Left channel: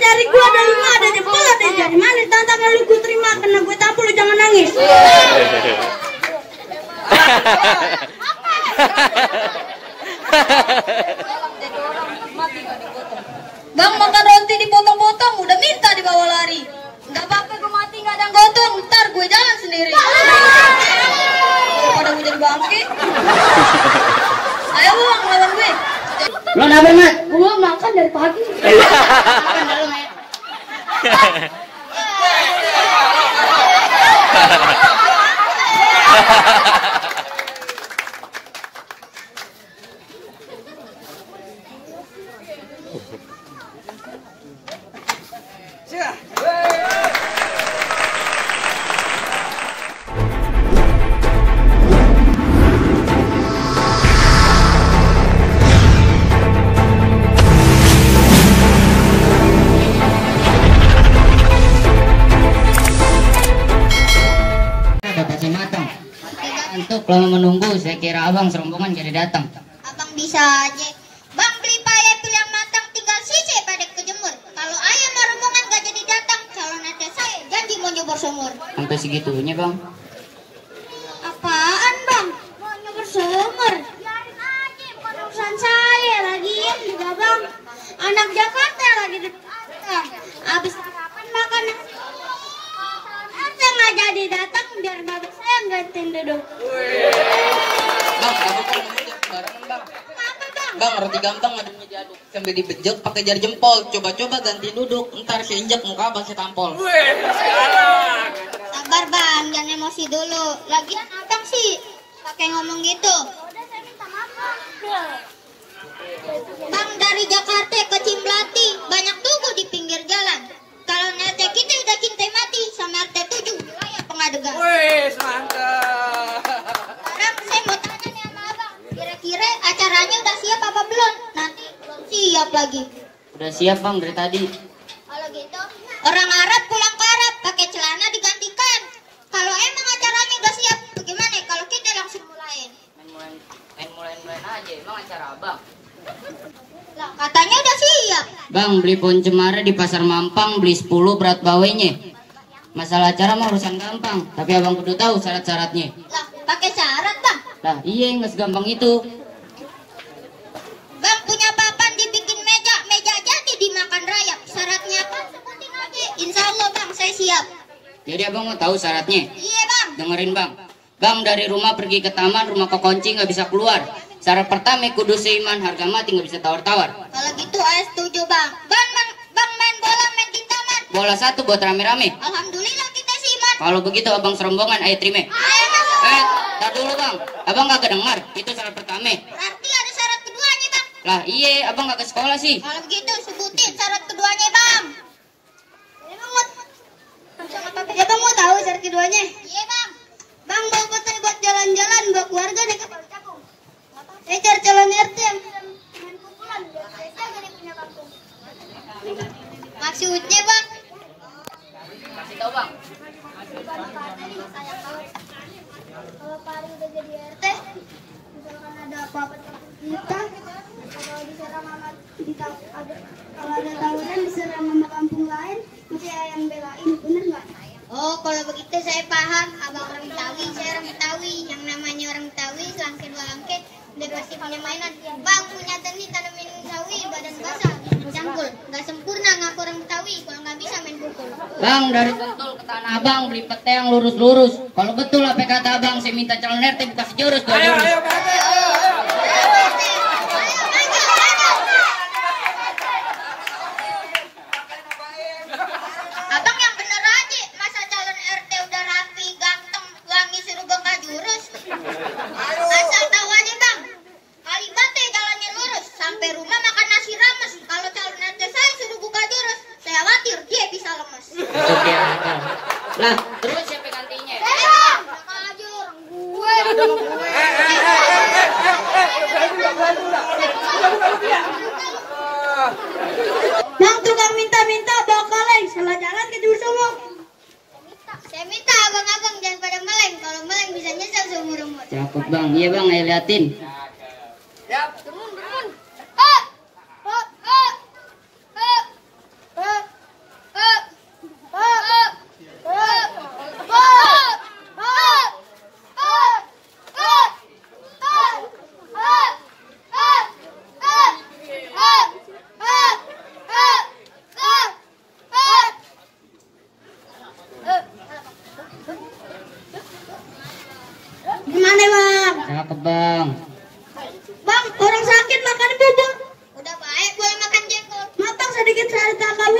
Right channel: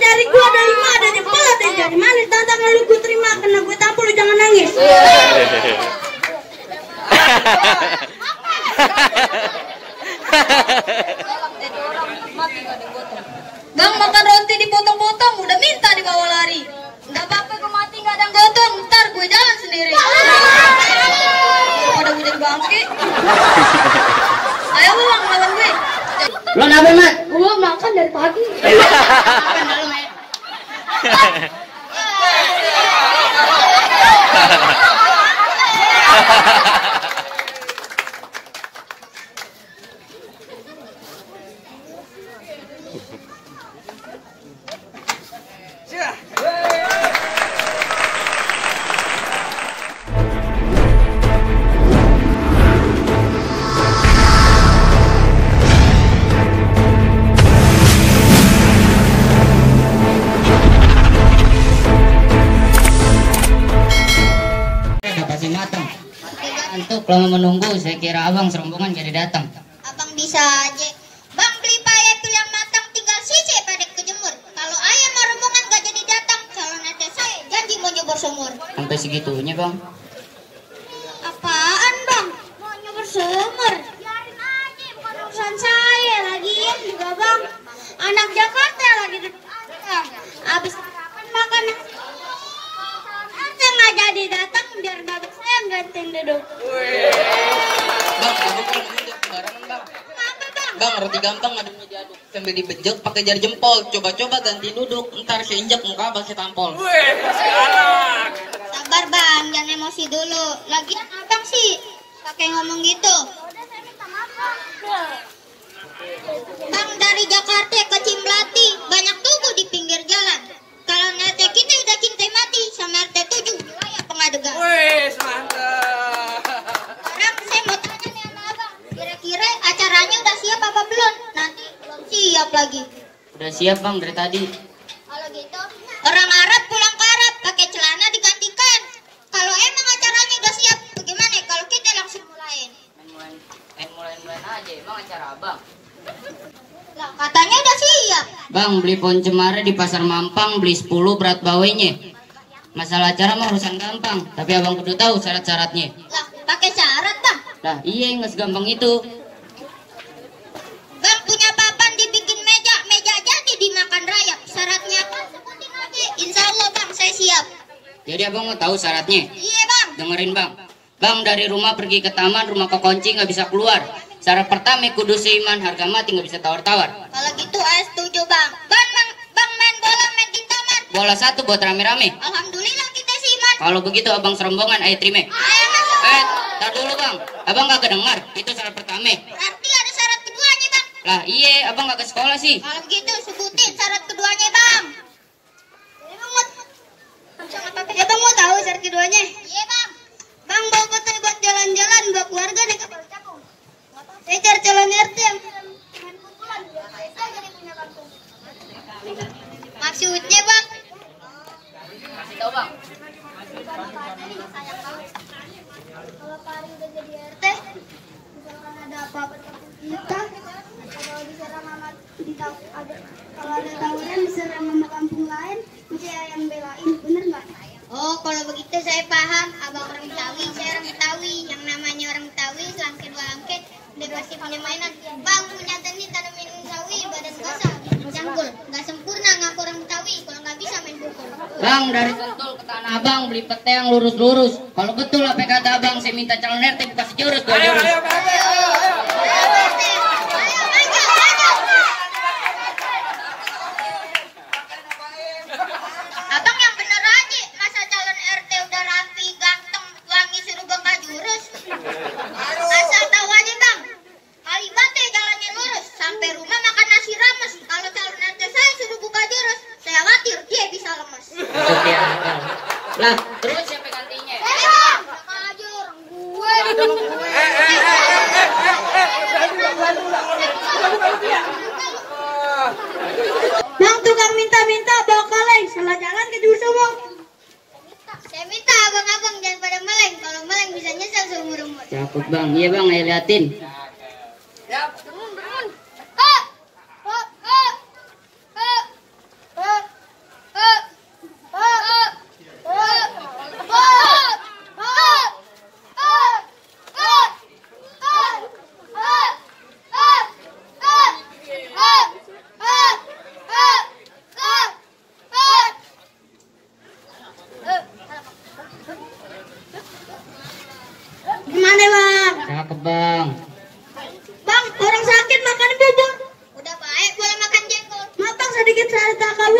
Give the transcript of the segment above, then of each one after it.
dari gua ada 5 ada 10 ada dari mana tantangan lu gua terima kena gua tampol lu jangan nangis. Bang makan roti dipotong-potong udah minta dibawa lari. Nggak apa-apa gue mati nggak ada yang gotong, ntar gue jalan sendiri. Pada gue jadi bangke. Ayo bang lawan gue. Lo apa Mat? Gue makan dari pagi. Makan malu Mat. Antuk lama menunggu, saya kira abang serombongan jadi datang. Abang bisa aja. Bang beli payapil yang matang tinggal sisi pada kejemur. Kalau ayam rombongan gak jadi datang, calon RT saya janji mau nyebur sumur. Sampai segitunya bang. Apaan bang? Mau nyebur sumur? Biarin aja, bukan urusan saya. Lagian juga bang, anak Jakarta lagi dekat. Abis sarapan makan nasi. RT gak jadi datang, biar babak saya yang gantiin duduk. Bang, duduk barengan bang. Apa bang? Bang, roti gampang aduknya diaduk sambil dibejek pakai jari jempol. Coba-coba ganti duduk, ntar saya injak muka abang saya tampol. Sabar bang, jangan emosi dulu. Lagian abang sih pakai ngomong gitu. Bang dari Jakarta ke Cimlati banyak tugu di pinggir jalan. Kalau RT kita udah cinta mati sama RT 7 wilayah Pengadegan. Wih, mantap. Sekarang saya mau tanya nih sama abang, kira-kira acaranya udah siap apa belum? Nanti belum siap lagi. Udah siap bang dari tadi. Kalau gitu, orang Arab pulang ke Arab pakai celana digantikan. Kalau emang acaranya udah siap, bagaimana kalau kita langsung mulain? Mulai aja, emang acara abang. Lah, katanya udah siap. Bang beli pohon cemara di pasar Mampang, beli 10 berat bawainya. Masalah acara mah urusan gampang, tapi abang kudu tahu syarat-syaratnya. Lah, pakai syarat bang. Lah iya nggak segampang itu. Bang punya papan dibikin meja, meja jadi dimakan rayap. Syaratnya apa? Sebutin aja. Insya Allah bang, saya siap. Jadi abang mau tahu syaratnya? Iya bang. Dengerin bang. Bang dari rumah pergi ke taman, rumah kekunci nggak bisa keluar. Syarat pertama kudu seiman, harga mati nggak bisa tawar-tawar. Kalau gitu saya setuju bang. Bang main bola main di taman. Bola 1 buat rame-rame. Alhamdulillah kita seiman. Kalau begitu abang serombongan ayo terima. Ayo masuk. Tar dulu bang. Abang nggak kedengar. Itu syarat pertama. Berarti ada syarat keduanya bang. Lah iya, abang nggak ke sekolah sih. Kalau begitu sebutin syarat keduanya bang. Ya bang mau tahu syarat keduanya? Iya bang. Bang bawa foto buat jalan-jalan buat keluarga nih. Saya cari calon RT yang main pukulan biar saya jadi punya kampung. Maksudnya bang? Kasih tahu bang. Kalau Pak Ari udah jadi RT, misalkan ada apa-apa kita, kalau diserang sama kalau ada tawuran diserang sama kampung lain, mesti yang belain, bener nggak? Oh, kalau begitu saya paham. Abang orang Betawi, saya orang Betawi. Yang namanya orang Betawi, selangkit-selangkit, udah pasti punya mainan. Bang, ternyata nih kalau main Betawi, badan basah, cangkul. Nggak sempurna ngaku orang Betawi, kalau nggak bisa main pukul. Bang dari Sentul ke Tanah Abang beli pete yang lurus-lurus. Kalau betul apa kata abang, saya minta calon RT buka sejurus. Abang yang bener aja, masa calon RT udah rapi, ganteng, wangi suruh bongkar jurus. Asal tahu aja bang, kali bate jalannya lurus, sampai rumah makan nasi rames. Kalau calon RT saya suruh buka jurus, saya khawatir dia bisa lemes. Oke, lah terus siapa gantinya? Bang, bakal aja orang gue di dalam gue. Bang tukang minta-minta bawa kaleng, salah jalan ke Dusumong. Saya minta abang-abang jangan pada meleng, kalau meleng bisa nyesel seumur-umur. Cakep bang, iya bang, ayo liatin. Turun.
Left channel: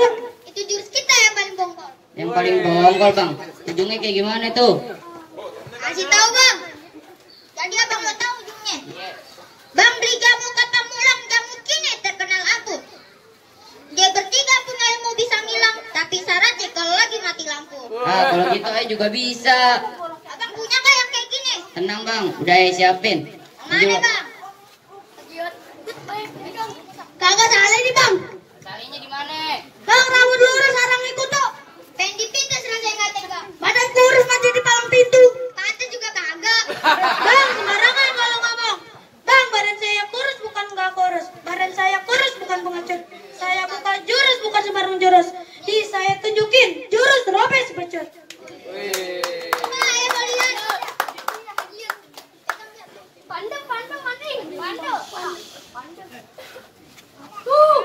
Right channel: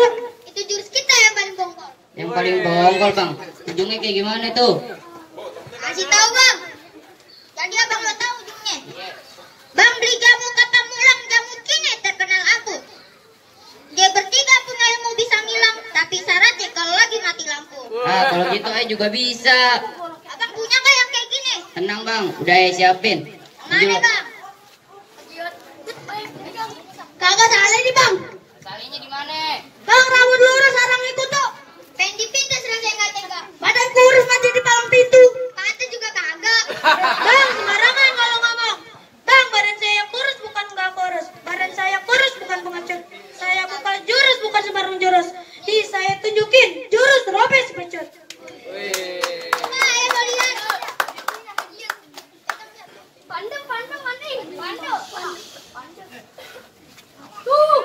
gua. Itu jurus kita yang paling bongkol. Yang paling bongkol bang. Ujungnya kayak gimana tuh? Kasih tahu bang. Jadi abang nggak tahu ujungnya. Bang beli jamu kata mulang, jamu kini terkenal aku. Dia bertiga punya ilmu bisa ngilang, tapi syaratnya kalau lagi mati lampu. Ah kalau gitu juga bisa. Abang punya nggak yang kayak gini? Tenang bang, udah siapin. Mana bang? Kagak salah nih bang. Salahnya di mana? Bang rambut lurus sarang itu tuh. Pengen dipintas rasanya nggak tega. Badan kurus mati di palang pintu. Mati juga kagak. Bang sembarangan kalau ngomong. Bang badan saya kurus bukan nggak kurus. Badan saya kurus bukan pengecut. Saya bukan jurus bukan sembarang jurus. Saya tunjukin jurus robes becut. Ayo kalian. Pandang maning. Pandang. Tuh.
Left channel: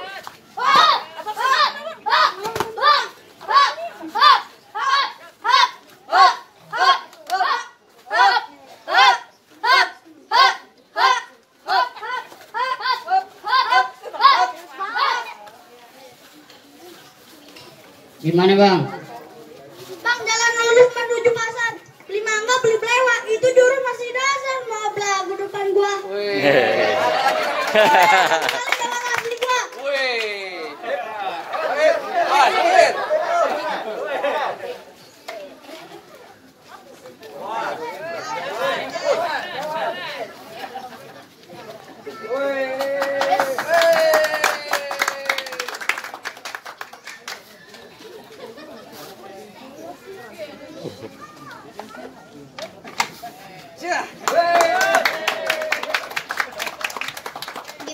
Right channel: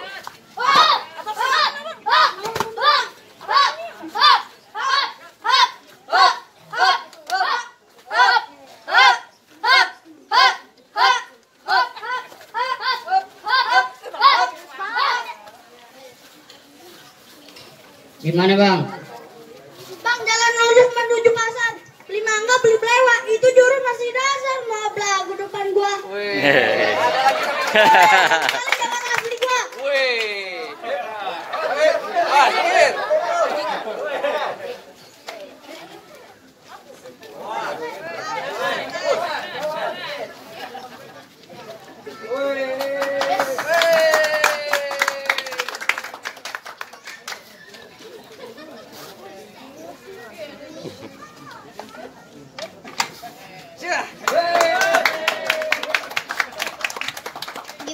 Gimana bang? Bang jalan lurus menuju pasar. Beli mangga beli pelewat. Itu jurus masih dasar. Mau belagu depan gua. Jangan asli gua.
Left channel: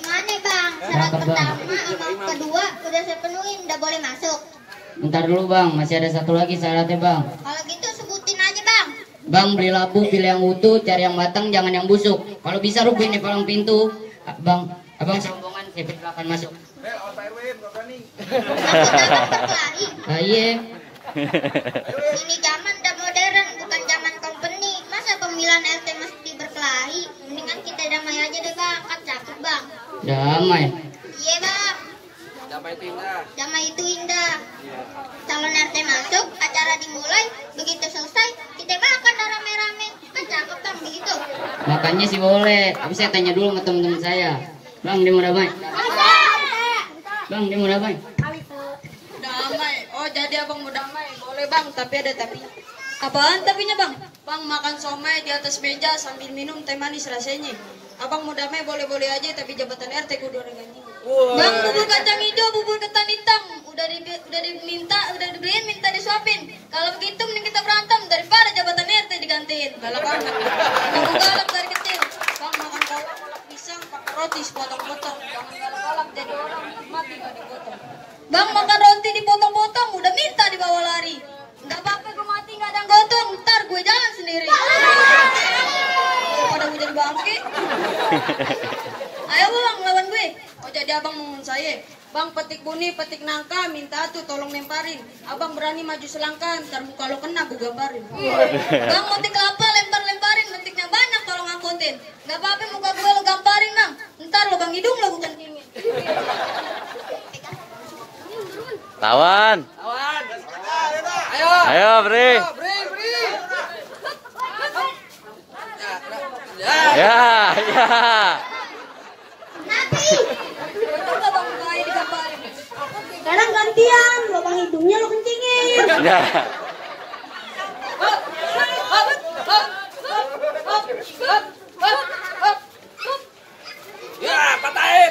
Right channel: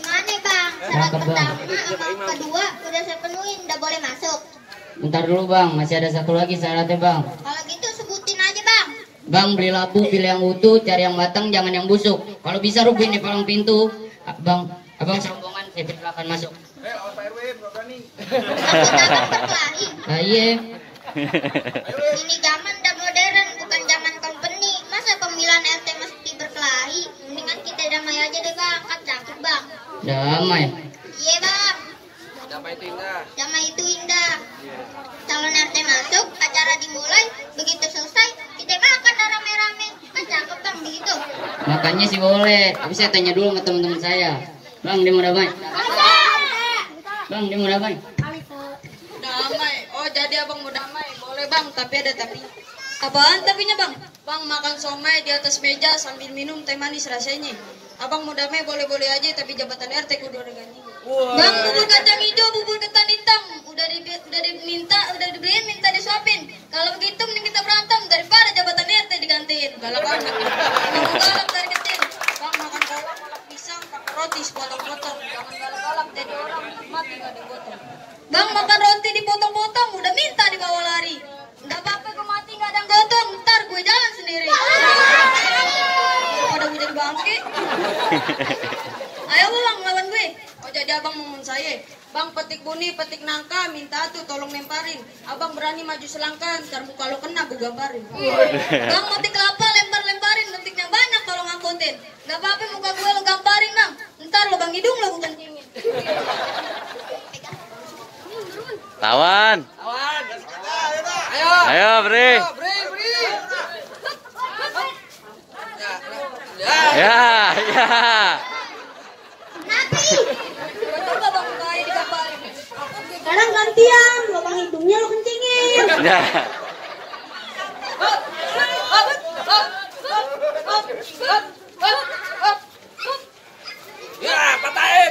Gimana bang? Syarat pertama sama kedua udah saya penuhin, udah boleh masuk. Bentar dulu bang, masih ada satu lagi syaratnya bang. Kalau gitu sebutin aja bang. Bang beli labu, pilih yang utuh, cari yang matang, jangan yang busuk. Kalau bisa rubuhin di palang pintu. Abang sombongan, saya persilakan masuk. Ah, iya. Ini zaman udah modern, bukan zaman company. Masa pemilihan RT mesti berkelahi? Mendingan kita damai aja deh bang, kan cakep bang. Damai. Iya bang. Damai itu indah. Calon RT masuk, acara dimulai. Begitu selesai, kita makan rame-rame. Kan cakep bang begitu. Makanya sih boleh. Tapi saya tanya dulu sama teman-teman saya. Bang, dia mau damai? Bang, dia mau damai? Damai. Oh, jadi abang mau damai. Boleh bang, tapi ada tapi. Apaan tapinya bang? Bang makan somai di atas meja sambil minum teh manis rasanya. Abang mau damai boleh-boleh aja, tapi jabatan RT kudu ada gantinya. Bang bubur kacang hijau, bubur ketan hitam, udah dibeliin, minta disuapin. Kalau begitu mending kita berantem daripada jabatan RT digantiin. Galak banget. Bang galak dari kecil. Bang makan kolak pisang, pakai roti sepotong-potong. Jangan galak-galak jadi orang mati gak dipotong. Bang makan roti dipotong-potong, udah minta dibawa lari. Gak apa-apa gue mati gak ada gotong, ntar gue jalan sendiri. Daripada gue jadi bangke. Ayo bang lawan gue. Oh jadi abang mau saya. Bang petik buni, petik nangka, minta tuh tolong lemparin. Abang berani maju selangkah, ntar muka lo kena gue gambarin. Bang metik apa lempar-lemparin, metiknya banyak kalau ngangkutin. Gak apa-apa muka gue lo gamparin bang, ntar lo bang hidung lo gue kencingin. Lawan. Ayo, Bri. Ya. Gue juga bang kayak digamparin. Sekarang gantian, lubang hidungnya lo kencingin. Ya. Ya, patahin.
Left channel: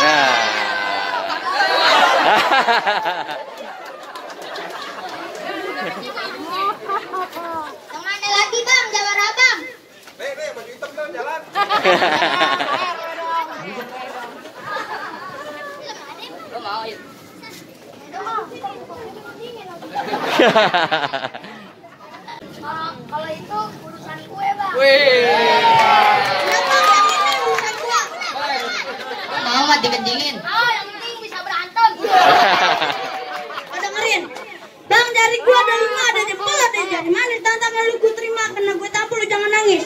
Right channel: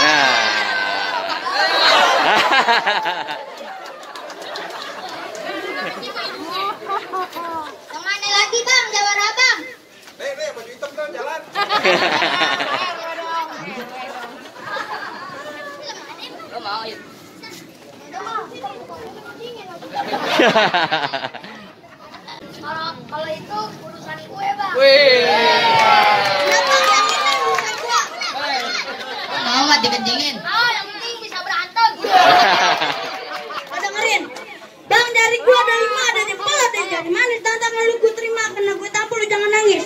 Ya. Kemana lagi bang, jawara abang? Baju hitam kan jalan. Lo mau ayo. Kalau itu urusan gue bang. Lo mau nggak dikencingin? Oh, yang penting bisa berantem. Dengerin, bang dari gua ada 5, ada jempol, ada jari manis. Tantangan lu gue terima, kena gue tampol, lu jangan nangis.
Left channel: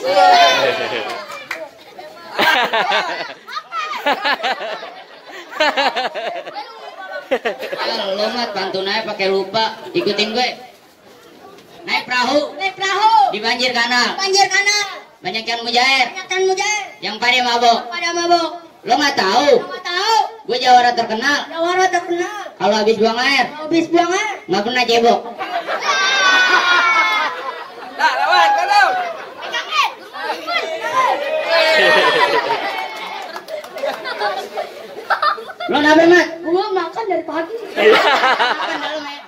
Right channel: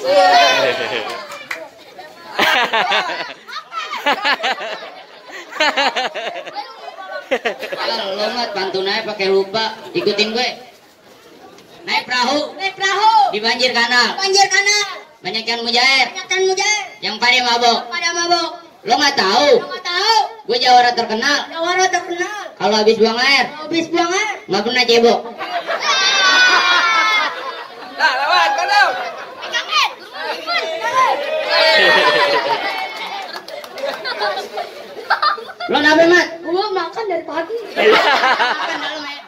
Kalau Lo mat bantu naik pakai lupa. Ikutin gue. Naik perahu. Naik perahu. Di banjir kanal. Banjir kanal. Banyak yang mujair. Banyak mujair. Yang pada mabok. Pada mabok. Lo nggak tahu? Lo nggak tahu. Gue jawara terkenal. Jawara terkenal. Kalau habis buang air, Habis buang air. nggak pernah cebok. Nah, lawan, kalau. Pegangin. Lo nabe mat? Belum makan dari pagi. Makan dulu, Mat.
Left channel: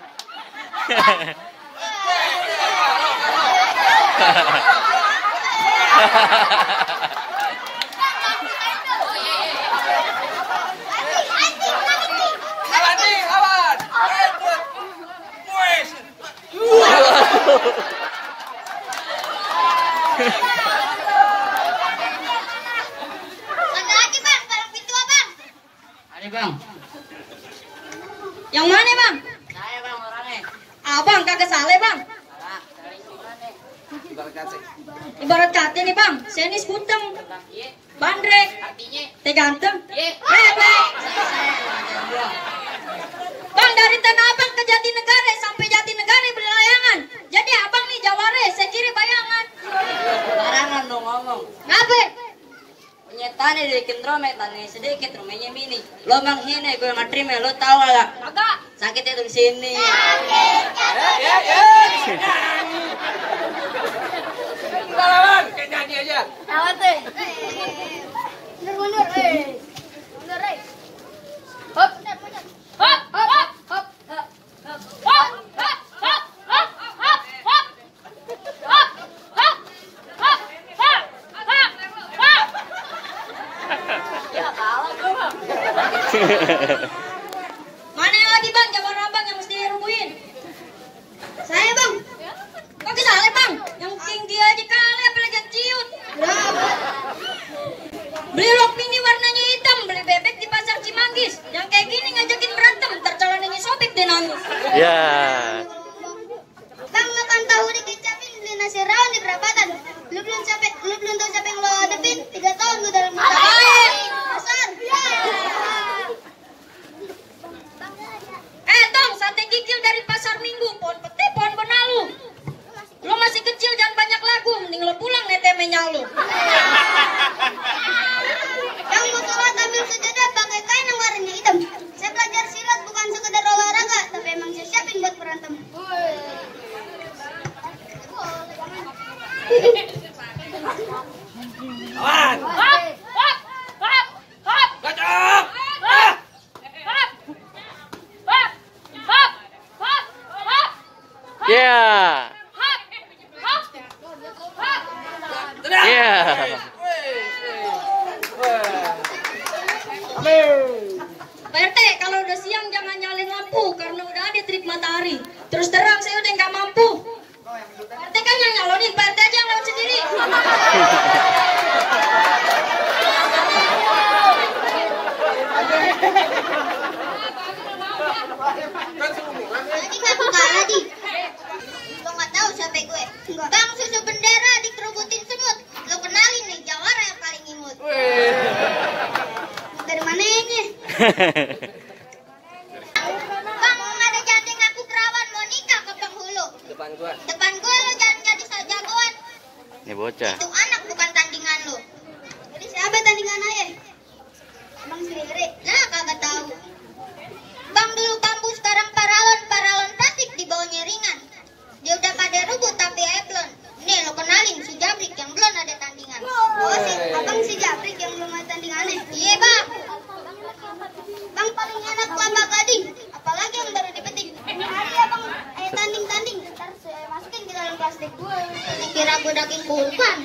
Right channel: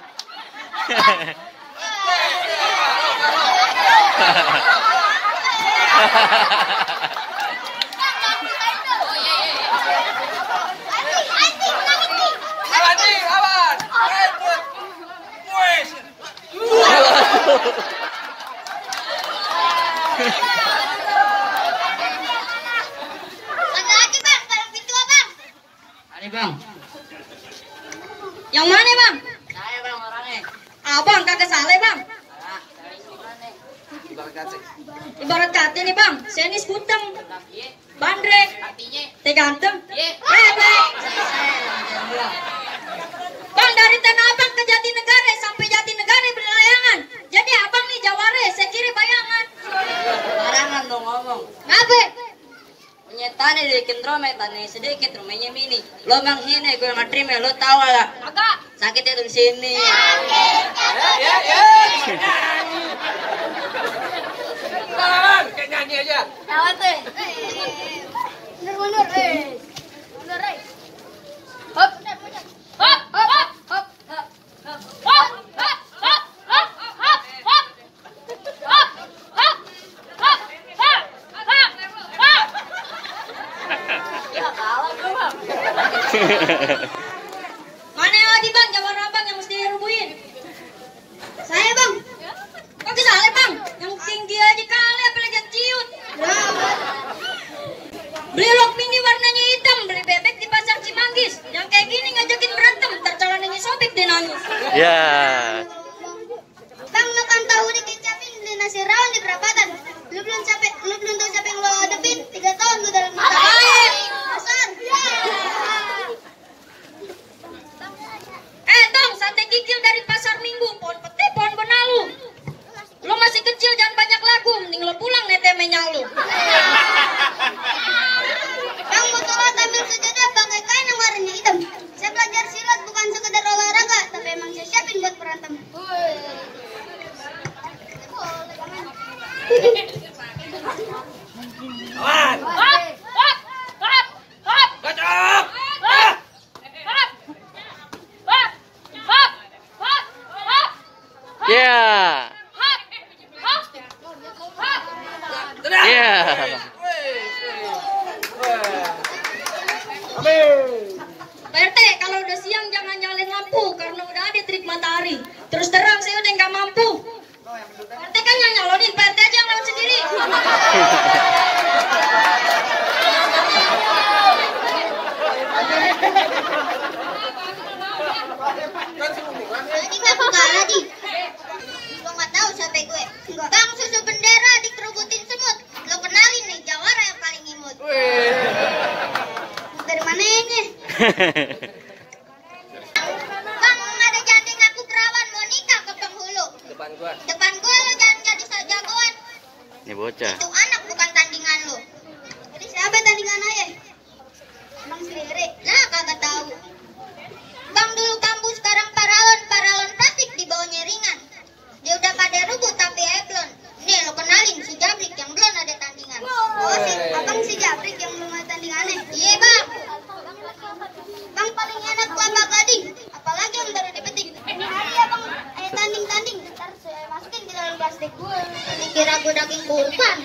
Ada lagi bang, barang pintu bang. Mari bang. Yang mana bang? Saya bang orangnya. Abang kagak salah bang. Ibarat kata nih bang, saya ini skuteng, bandrek, teh ganteng. Bang. Bang dari Tanah Abang ke Jatinegara sampai Jatinegara berlayangan. Jadi abang nih jawara, saya kiri bayangan. Barangan dong ngomong. Ngapain? Punya tani bikin rome, tani sedikit, rumahnya mini. Lo menghina, gue nggak terima, lo tahu gak? Kagak. Sakit itu di sini. Lawan, kayak nyanyi aja. Ada. Mundur. Mundur. Hop. Hop. Hop. Hop. Hop. Mana yang lagi bang, jawara abang yang mesti dirubuhin? Saya bang. Kagak salah bang, yang tinggi aja kali apalagi yang ciut. Beli lok mini warnanya hitam, beli bebek di pasar Cimanggis. Yang kayak gini ngajakin berantem, ntar calonnya sobek deh nangis. Ya. Bang makan tahu dikecapin beli nasi rawon di perapatan. Lu belum tahu siapa yang lo hadapin. 3 tahun lu dalam pasar. Tong, sate gigil dari pasar Minggu, pohon pete, pohon benalu. Lo masih kecil, jangan banyak lagu, mending lo pulang netemenya lo. Bang mau sholat ambil sejadah pakai kain yang warnanya hitam. Saya belajar silat bukan sekedar olahraga, tapi emang saya siapin buat berantem. Lawan. Gacok. Ya. Ya. Pak RT, kalau udah siang jangan nyalain lampu, karena udah ada trik matahari. Terus terang saya udah nggak mampu. Pak RT kan yang nyalonin, Pak RT aja yang lewat sendiri. Jadi nggak buka lagi. Lo nggak tahu siapa gue? Bang susu bendera dikerubutin semut. Lo kenalin nih jawara yang paling imut. Dari mana ini? Bang ada janting aku perawan mau nikah ke penghulu. Depan gua. Depan gue lo jangan jadi jagoan. Ini bocah. Itu anak bukan tandingan lo. Jadi siapa tandingan ayah? Bang sendiri. Nah kagak tahu. Bang dulu kampus sekarang paralon plastik di bawahnya ringan. Dia udah pada rubut tapi eplon. Nih lo kenalin si Jabrik yang belum ada tandingan. Oh si abang si Jabrik yang belum ada tandingannya. Iya bang. Bang paling enak kelapa gading. Apalagi yang baru dipetik. Hari ya bang. Ayo tanding. Ntar saya masukin di dalam plastik. Kira gue daging kurban.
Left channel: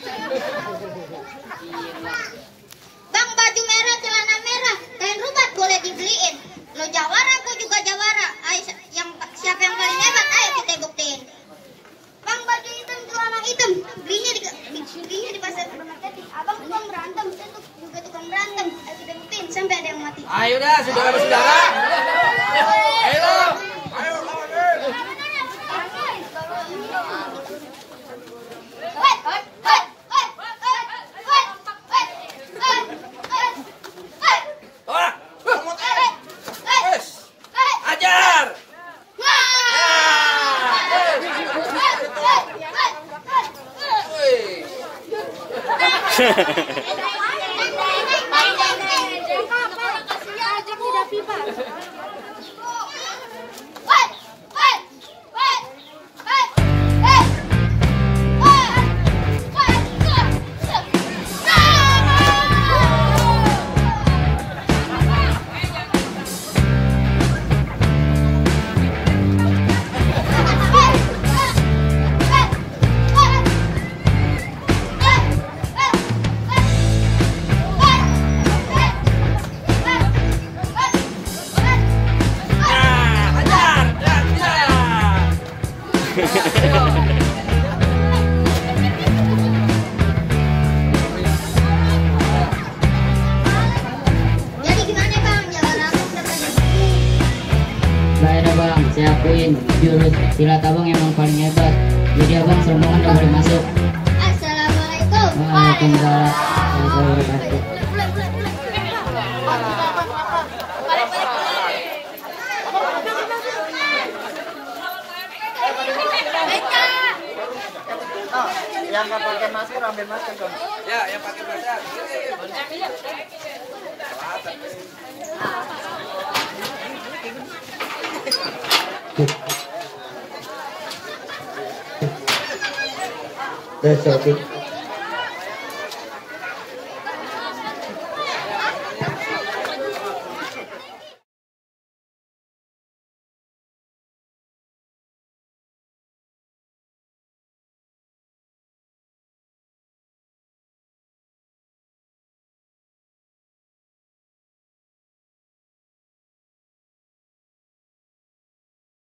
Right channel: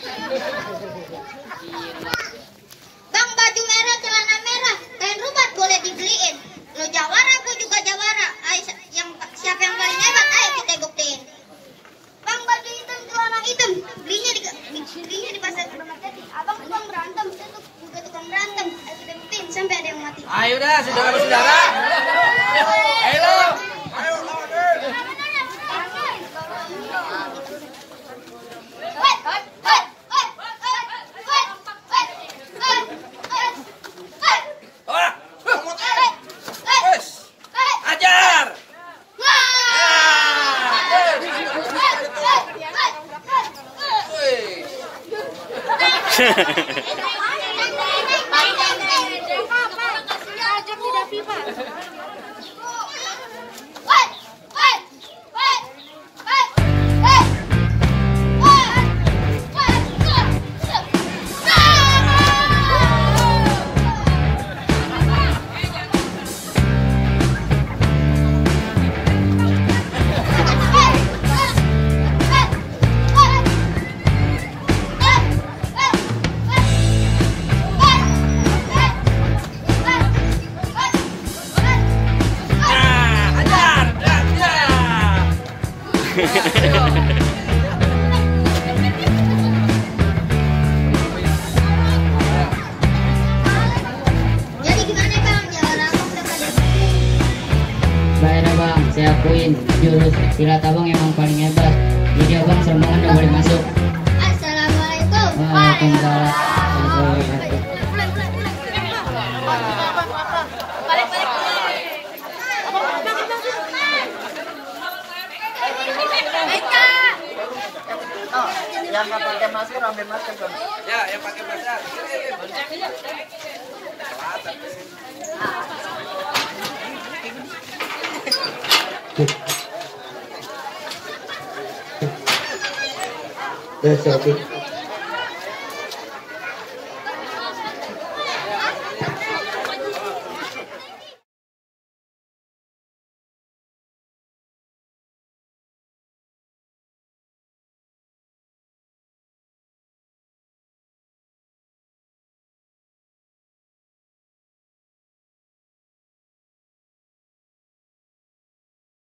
Bang baju merah celana merah. Kain rubat boleh dibeliin. Lo jawara, gue juga jawara. Ayo, siapa yang paling hebat? Ayo kita buktiin. Bang baju hitam, celana hitam. Belinya di pasar Keramat Jati. Abang tukang berantem, saya juga tukang berantem. Ayo kita buktiin sampai ada yang mati. Ayo dah, saudara-saudara. Ayo. Jadi gimana bang? Jalan abang Baiklah bang, saya akuin jurus silat abang emang paling hebat. Jadi abang semuanya udah boleh masuk. Assalamualaikum. Waalaikumsalam warahmatullahi wabarakatuh. Yang nggak pakai masker ambil masker dong. Ya, yang pakai masker. That's okay.